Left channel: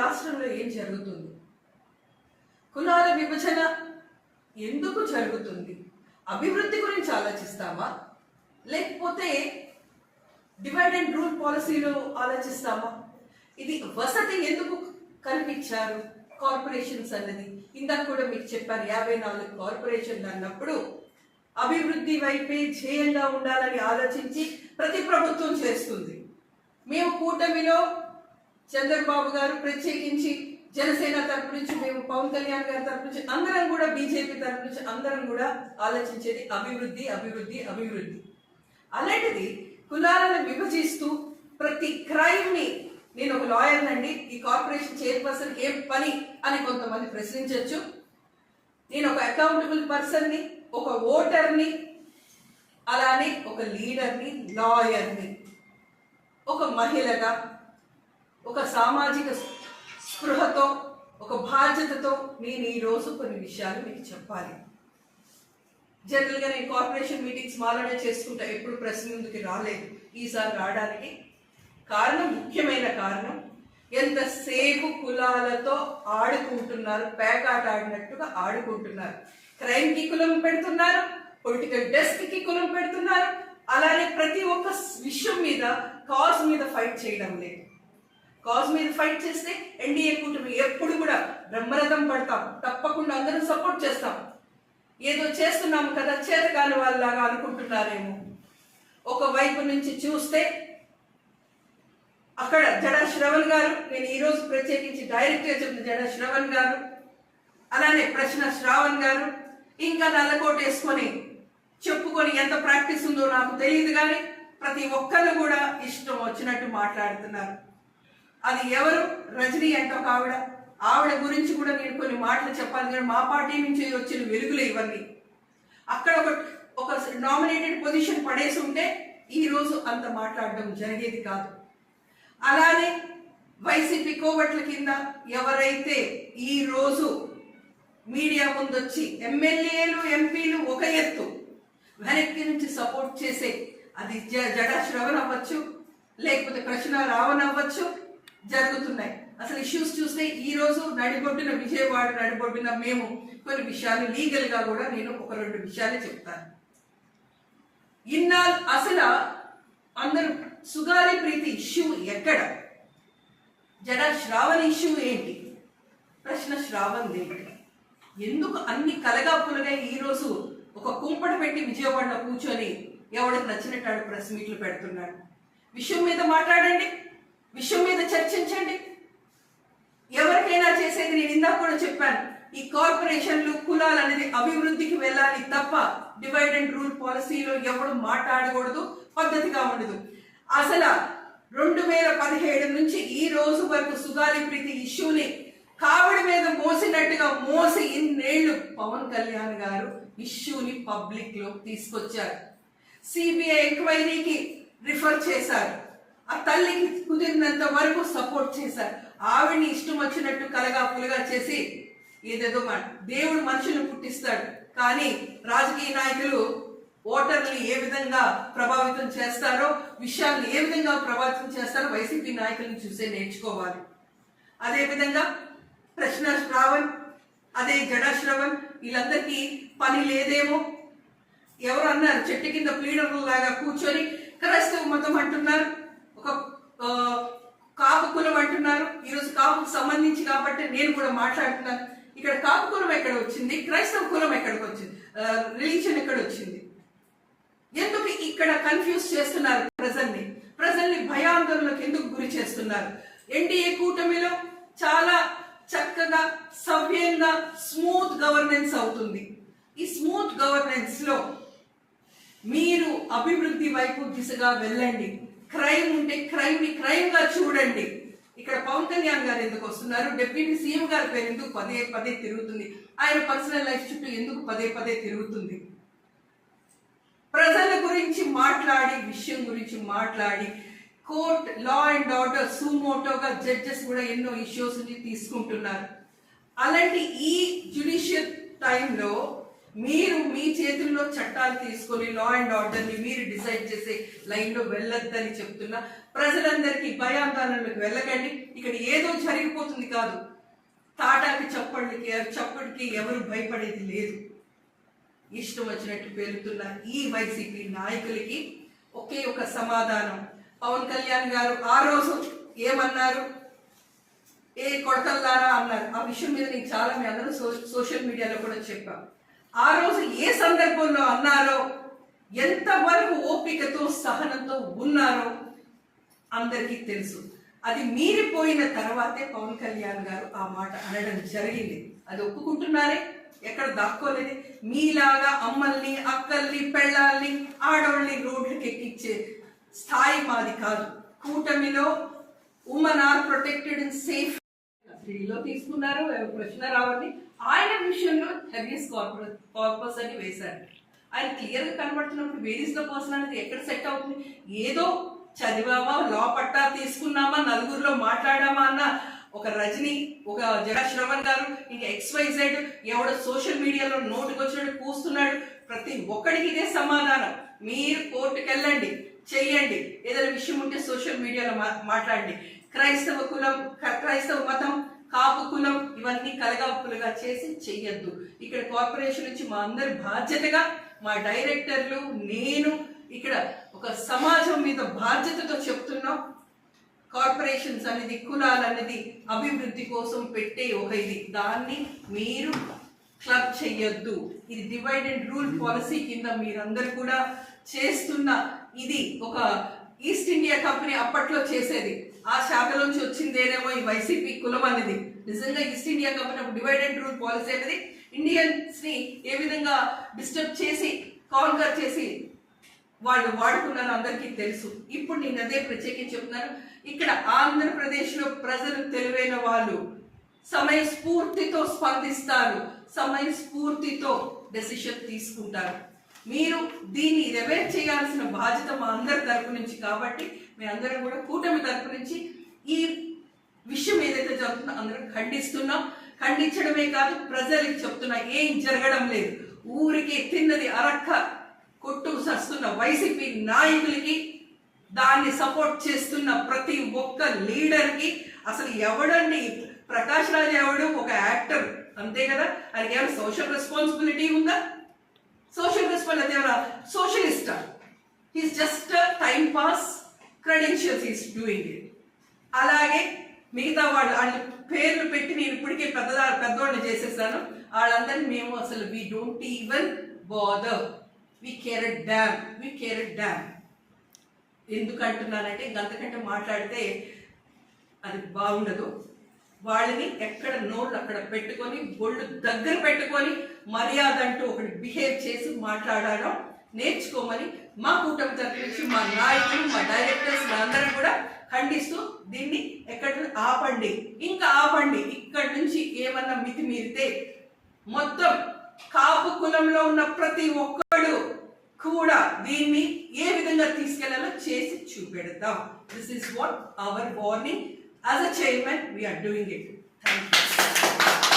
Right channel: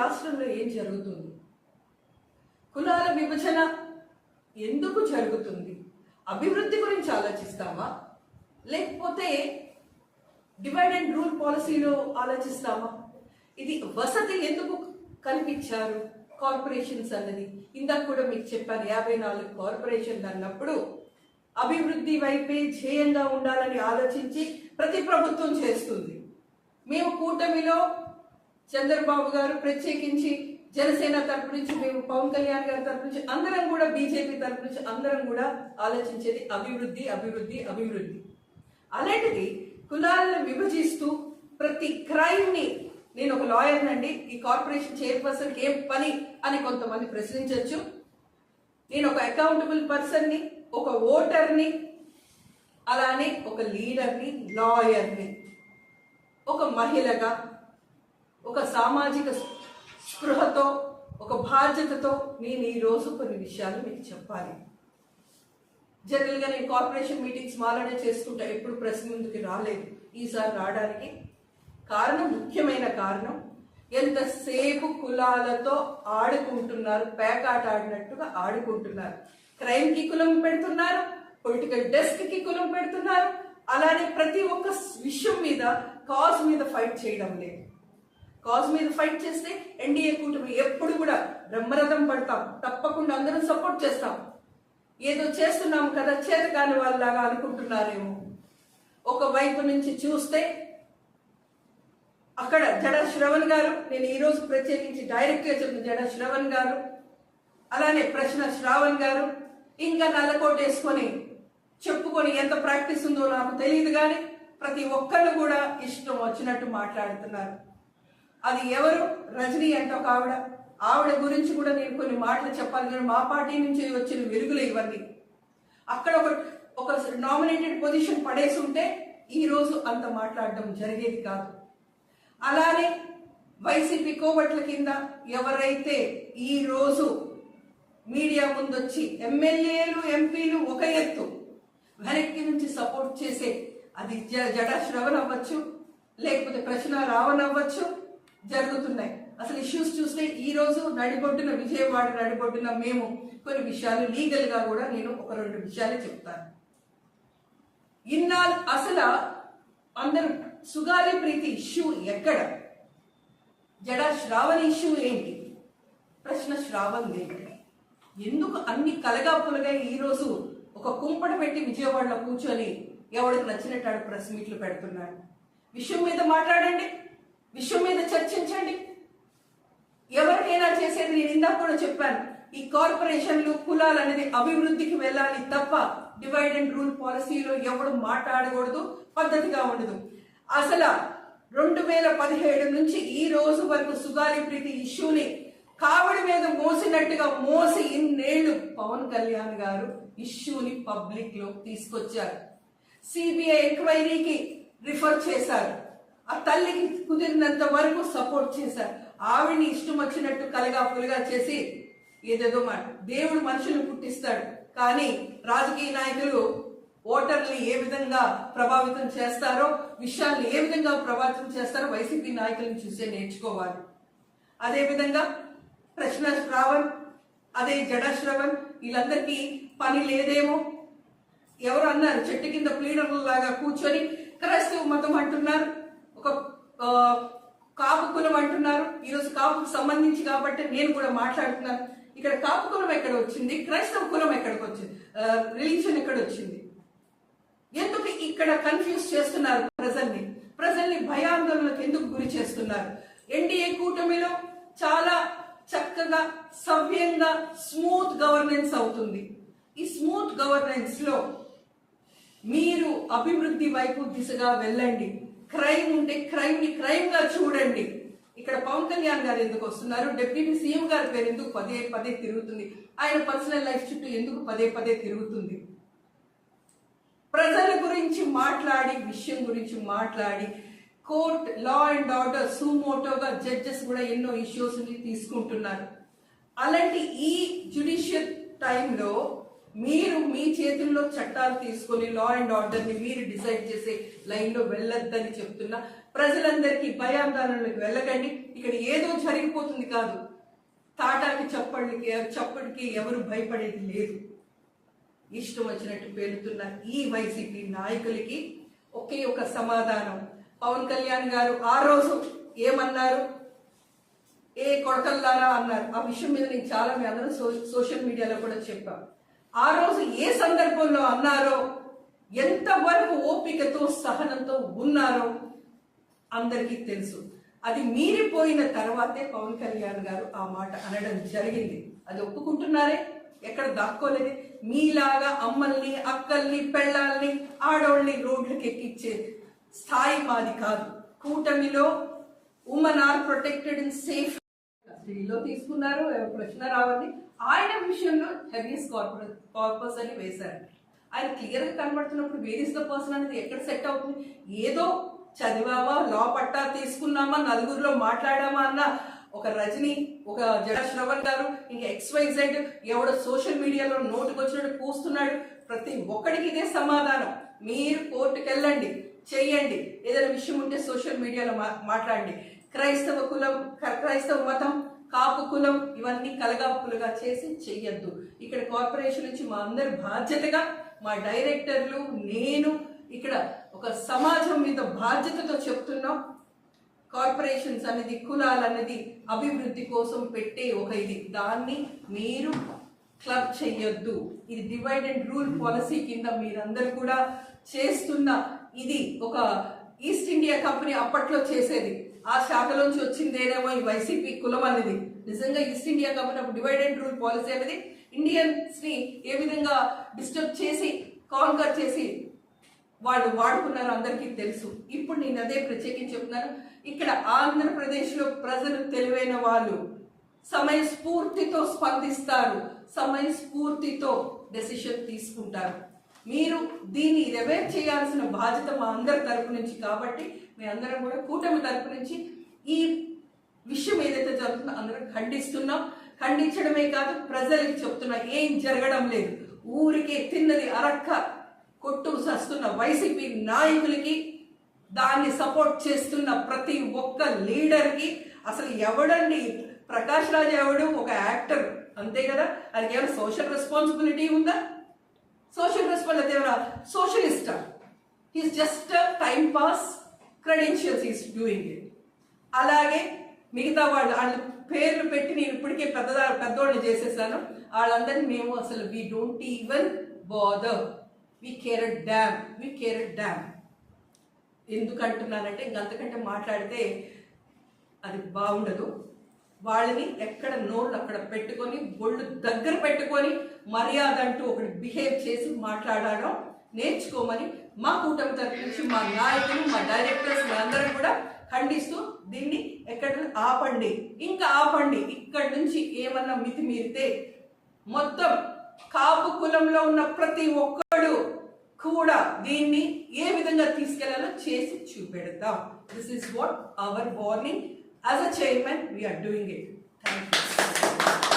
రాష్ట్రంలో ఏం జరుగుతుంది? కులాల విభజన ఎందుకు జరుగుతుంది? అభివృద్ధి గురించి ఆలోచిస్తామా, లేకపోతే డివైడ్ అండ్ రూల్ పాలసీలో ఆలోచిస్తామా? ఇది వసతి ఎందుకు కల్పించారు కార్పొరేషన్స్ అన్నది? ఇందాక కూడా మీకు చెప్పాను, 54 కార్పొరేషన్లు అన్నప్పుడు అభివృద్ధి వైపే ధ్యేయంగా ఉండాలని ఆలోచించి ప్రతి ప్రభుత్వం చేస్తుంది. మేము కూటమిలో చంద్రబాబు గారు ప్రత్యేకించి జనసేన తరపు నుంచి, మేము పవన్ కళ్యాణ్ గారి తరపు నుంచి, అందరం కూడా బీజేపీ తరపు నుంచి అందరం కూడా ఆలోచించేది అభివృద్ధి అభివృద్ధి అభివృద్ధి. అలాంటిది కులాలను విభజిస్తూ ప్రతి క్రైమ్ ని, నేను ఒక లాయర్ నండి, ఈ కార్పొరేషన్ చైర్పర్సన్ ఏం పని అని కొంతమంది ప్రశ్నించవచ్చు. నేను ఒక అకౌంటబుల్ పర్సన్ ని, ఒక ఓటర్ని, అలానే ఒక లీడర్ని, లాయర్ని, ఒక మహిళగా, ఒక సామాజిక స్పృహతో, ఒక బాధ్యతతో నేను ఈరోజు కొన్ని విషయాలు మీకు చెప్పాలి. జనరల్గా నేను కార్పొరేషన్ మీటింగ్స్ మాలనే చేసుకుంటా, ఎప్పుడు ప్రెస్ ముందుకి రాలేదు. ఈసారి రావడానికి కారణం, ముఖ్యమైన కారణం, ఎంతసేపు కులాలతో ఆడుకుంటున్నారు, పేకాట ఆడినట్టుగా ఆడుకుంటున్నారు. క్రైమ్ కి కులం పెడుతున్నారు, పొలిటికల్ డెస్క్ కి కులం పెడుతున్నారు, అలానే ప్రతి ఒక్క విషయం మీద కాజ్ మీద ఫైట్ చేయడం లేదు. కాజ్ మీద ఫైట్ చేస్తే ఎన్డీఏ కూటమి ఎప్పుడు కూడా బ్రహ్మరథం పడతాం, తప్పకుండా అందరం సపోర్ట్ చేస్తాం. ఏదో చేస్తున్నాము కదా చేతకాని వాళ్ళలాగా అనుకుంటున్నారేమో. ఒకవైపు నుంచి చూస్తే అక్కడ జడా శ్రవణ్ గారు, నేను ఈరోజు ప్రత్యేకించి డైరెక్ట్గా చెప్పిన జడా శ్రవణ్ గారు, అలానే ప్రశ్న శ్రావణ్ గారు, ఇంకా నల్లకోట వేసుకొని చెప్పుకొని ఎంత ప్రాక్టీస్ ఉందో నాకు తెలియదు, కానీ ప్రతి ఒక్కరు కూడా ఇష్టం వచ్చినట్టు మాట్లాడుతున్నారు. అది ఎవరు? రజనీ అంటే ఒక ఆవిడ గురించి కూడా నేను కొన్ని మాటలు చెప్పాలి, కానీ మా పార్టీ నుంచి వచ్చిన వెలుగులే ఇవన్నీ. అక్కడ ఒక నామినేటెడ్ పొజిషన్ పడేసి ఉంటే ఈ రోజు అంత మాట్లాడడం జరిగేది కాదు. అలానే వైసీపీ కోవట్ల కింద ఎవరైతే ఈ రోజు మీడియా ముందొచ్చి ఎమ్మెల్యేలు, ఎంపీలు ఒక ఎత్తు, వెనక్కి నుంచి సపోర్ట్ చేసే, అది జడా శ్రవణ్ అవ్వచ్చు, లేకపోతే ప్రశ్న రావణ్ అవ్వచ్చు, జరుగుతున్నాయి. అసలు ఇష్యూస్ చూస్తే ఈ రోజు నడిబొడ్డున, విజయవాడ నడిబొడ్డున మేము కొన్ని విషయాలు లీగల్ గా కూడా నేను ఒక 2 విషయాలు చెప్తాను. ఇన్నాళ్ళు అసలు అందరూ సుగాలి ప్రీతి ఇష్యూ ఎక్కడ? జడా శ్రావణ్ ఇష్యూ ఏంటి? ప్రశ్న శ్రావణ్ ఏంటి? ఎందుకు అన్ని కలగాపులుగా ఈ రోజు ఒక కుంపట పెట్టి విజయవాడలో కూర్చొని ఎవరికి నచ్చినట్టు ప్రెస్ మీట్లు పెడుతున్నాడు? విషయం మీద మాట్లాడండి, విషయం మీద చర్చించండి. ఎవరికైనా చేసేది, నేను ఇందాక కూడా చెప్పాను, ఈ కార్పొరేషన్లు, కులాలు అనేది అభివృద్ధికి వెళ్ళాలి తప్ప డివైడ్ అండ్ రూల్ పాలసీలో ఎవడు మాట్లాడకూడదు, పద్ధతిగా ఉండదు. అసలు 2017 నుంచి ఈ రోజు వరకు సుగాలి ప్రీతి ఇష్యూని కావడి మీద మోసినట్టుగా మోసి ఇన్నేళ్లు పవన్ కళ్యాణ్ గారు ఇష్యూని పబ్లిక్ లో తీసుకొచ్చారు. సిబిఐ ఎంక్వైరీకి రిఫర్ చేశారు. ఆ తల్లికి కుదిరినంత వరకు సపోర్ట్ చేశారు. ఆవిడ్ని ఇష్టం వచ్చినట్టు కలగాపులుగా చేసి ఏదేదో దేవుడు మనుషులను పుట్టిస్తాడు, కానీ రాజకీయ నాయకులు ఓటర్లు ఏ విధంగా ప్రభావితం చేస్తారో, విషయాన్ని ఏ విధంగా ప్రభావితం చేస్తారో వైసీపీ నాయకులను చూసే నేర్చుకోవాలి. అదేవిధంగా ప్రశ్న శ్రావణ్, అదే జడా శ్రవణ్, వీళ్ళందరికీ పని లేదేమో. ఎవరు అన్నారు, చెట్టు కింద ప్లీడర్ల లాగా కూర్చొని క్రైస్తవ మతం అంటున్నారు, ఒక కాపు కులం అంటున్నారు. ఈరోజు కాపుకు సంబంధించి కాబట్టి నేను కూడా మాట్లాడుతున్నాను. ఇక్కడ కాపు కులం ఎక్కడ వచ్చింది? క్రైస్తవ కులం ఎక్కడికి వచ్చింది? రిలీజన్ ఎక్కడ వచ్చింది? ఎందుకు ఇక్కడ కన్ఫ్యూజ్ చేస్తున్నారు ప్రజల్ని భయాందోళనకు ఎందుకు గురి చేస్తున్నారు? ఎన్డీఏ కూటమిలో చాలా చక్కగా, సవ్యంగా, స్మూత్ గవర్నెన్స్ అవుతుంది. ఈ స్మూత్ గవర్నెన్స్ లో మీరు అభివృద్ధి వైపు దిశగా వెళ్ళండి. క్రైమ్ ఉంటే క్రైమ్ ని క్రైమ్ గా చూడండి. ఇక్కడ పవన్ కళ్యాణ్ గారు ఎందుకు వస్తున్నారు? డిప్యూటీ సీఎం గారి పేరు ఎందుకు పదే పదే తిరుగుతుంది? ఆయన పర్సనల్ లైఫ్ చుట్టూ ఎందుకు పదే పదే తిరుగుతుంది? ప్రజల గురించి మాట్లాడి, విషయం గురించి మాట్లాడి, కోర్ట్, లా అండ్ ఆర్డర్, సుమోటోగా జడ్జెస్ కూడా ఎన్నో ఇష్యూస్ ని తీసుకుంటున్నారు. అలాంటి ఈ జ్యుడిషియల్ టైంలో మీరు మీ చేతుల్లో చట్టాలు తీసుకొని లా అండ్ ఆర్డర్ ని మీరు డిసైడ్ చేసే లైన్ లో వెళ్ళొద్దని చెప్తున్నా. ప్రజలందరికీ భయాందోళనలకు వెళ్ళకండి. ఇక్కడ ఏదో జరిగిపోతుంది కాదు. తాటాకి చప్పటికి ఎవరు భయపడేది లేదు. ఇష్టం వచ్చినట్టు పెరుగుతున్న ఈ వైసీపీ నాయకులకి ఒకే ఒక సమాధానం. పవన్ కళ్యాణ్ గారు ఆ రోజు ఏమన్నారు? ఏ కొడకల్లారా అన్నారు. ఆ విషయం మీద నేను చాలా మీ అందరూ సోషల్ మీడియాలో కూడా చెప్పాను. ఆ రోజు ఏ సందర్భంలో అన్నారో, ఎంతవరకు ఓపికతో సహనంతో ఉన్నారో అందరికీ తెలుసు. అది మీరిపోయిన తర్వాతే పవన్ కళ్యాణ్ గారు ఆ మాట అనడం జరిగింది. అది ఒప్పుకుంటున్నారే, ఎక్కడ దాక్కోలేదు. మీలాగా అమ్మల్ని, అక్కల్ని, పెళ్ళాల్ని, ఆడవాళ్ళని రోడ్లకు ఎక్కించే స్థాయి మాది కాదు. కూటమిలో women are protected and safe లో తీసుకున్నారు. ప్రశ్న రావాలి. ఆయన విషయంలో హెవియస్ కార్పస్ అని వేశారు. ఆయన క్లియర్ గా కనబడుతున్నప్పుడు వేర్ ఇస్ ద పర్సన్ అనేది ఎక్కడ సెట్ అవుతుంది? ఏదో చదివామా, లా పట్టా తీసుకున్నామా, నలుగురిలో మాట్లాడామా అన్న ఒక రజని, ఒక జడా శ్రవణ్ గారు, ఇంకా XYZ ఎవడో సోషల్ మీడియాలో నోటుకు వచ్చినట్టు కూస్తున్నాడు. ప్రతి ఒక్కడికి ఇదే సమాధానం. మీరు కోర్టుకు వెళ్ళండి, చెయ్యండి. ఏదైనా విషయం ఉంటే సోషల్ మీడియాలో మాట్లాడండి. క్రైస్తవ మతం, కాపు కులం ఇవన్నీ కలగాపులుగా చేసి చెయ్యొద్దు. ఇక్కడ కార్పొరేషన్ నుంచి మా అందరి బాధ్యతగా, మా డైరెక్టర్లు, నేను ఇక్కడ ఒక సమాజం మీద బాధ్యతతో చెప్తున్నాం. కార్పొరేషన్స్ అనేది, కులాలు అనేది అభివృద్ధి కోసం పెట్టే ఒక ఇది. దాన్ని మీరు క్లబ్ చెయ్యొద్దు. ఇది డివైడ్ అండ్ రూల్ పాలసీ కింద మీరందరూ కూడా చేస్తున్న ఇది. ఒక ఈస్ట్ ఇండియా కంపెనీ అప్పట్లో చేసేది, ఆ శాఖలోంచి వచ్చిందేనేమో ఈ వైసీపీ కులం అనేది. నిజంగా east India company divide and rule policy అనేది ఇండియన్స్ ని ఏ విధంగా డిస్టర్బ్ చేసి, కాన్కర్ చేసి వాళ్ళు వాడుకున్నారో అందరికీ తెలుసు. ఇప్పుడు నేను అదే ప్రత్యేకించి చెప్తున్నాను. ఇక్కడ ఆంధ్రప్రదేశ్లో ప్రజలు తెలివైన వాళ్ళు, సమయస్ఫూర్తితో స్పందిస్తారు, సమయస్ఫూర్తితో డెసిషన్ తీసుకుంటారు. మీరు దీన్ని రివైర్ చేయాల్సిన బాధ్యత మా అందరి తరపు నుంచి. కాబట్టి మీ అందరం కూడా కూటమి తరపు నుంచి ఈ విషయం ఏదైతే జరుగుతుందో అందరం ఖండిస్తున్నాం. ఖండించడమే కాదు, ప్రజలకు చెప్తున్నా, ఏం జరగడం లేదు. ఊరికి తిన్నది అరక్క కొట్టు సస్తున్న వైసీపీ నాయకులకి, దాన్ని సపోర్ట్ చేస్తున్న ప్రతి ఒక్క లీడర్కి, అసలు ఎవడండి ప్రకాష్ రాజ్ ఎవడు? ఒక యాక్టర్ అంతే కదా. అది ఏమైనా సోషల్ రెస్పాన్సిబిలిటీ ఉందా? సోషల్ రెస్పాన్సిబిలిటీ ఎవరా? సోషలిస్టా? He's just time pass credentials is doing it. అలాగే మిగతా వాళ్ళ పేర్లు పెట్టి నేను ఇప్పటికే పెద్దవాళ్ళు చేసేసాను. వాళ్ళందరినీ మేము అసలు we don't even bother. We care a damn. ఎందుకు అంటున్నానంటే ఇంకంతకంటే మాట్లాడితే అది బాగుండదు. వాళ్ళని ఎక్కడ నోళ్ళు అక్కడ పెట్టుకొని, ఒళ్ళు దగ్గర పెట్టుకొని, మర్యాద అంటూ ఒకటి బిహేవ్ చేసి మాట్లాడడం నేర్చుకోమని మా కూటమి తరపు నుంచి మా నాయకులు, మా డైరెక్టర్స్ అందరం కూడా ఖండిస్తూ దీన్ని ఎక్కడ ఆపండి, ఇంకా ఆపండి. ఇక్కడి నుంచి ఏమన్నా మితి మీరితే మొత్తం కాపు కులంలో ఉన్న ప్రతి ఒక్కడు కూడా దీన్ని ఏ విధంగా తీసుకెళ్లాలో చేసి చూపెడతాం. This is what our warning. As a chairman, we are doing it. Thank you.